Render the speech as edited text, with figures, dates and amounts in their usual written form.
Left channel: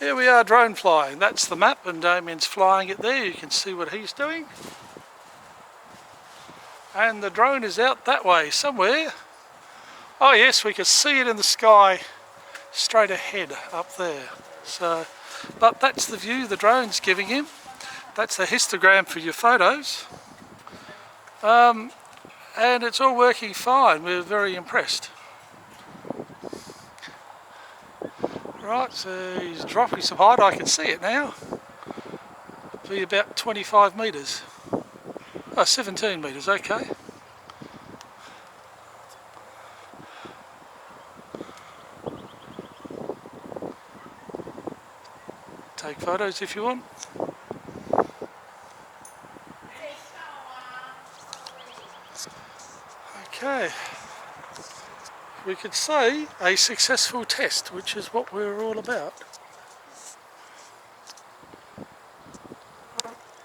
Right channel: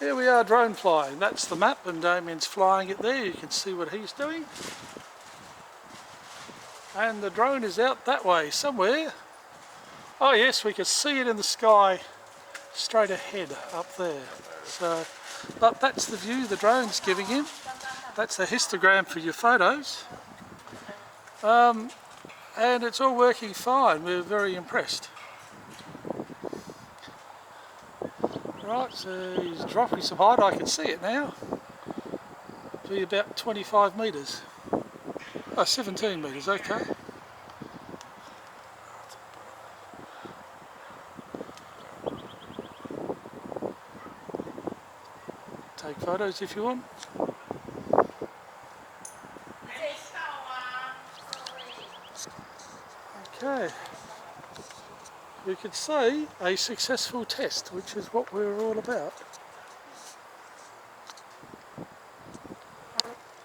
Here we are drone flying. That's the map and Damien's flying it there. You can see what he's doing. And the drone is out that way somewhere. Oh yes, we can see it in the sky straight ahead up there. So, but that's the view the drone's giving him. That's a histogram for your photos. And it's all working fine. We're very impressed. Right, so he's dropping some height. I can see it now. Be about 25 metres. Oh, 17 metres, okay. Take photos if you want. Okay. We could say a successful test, which is what we're all about.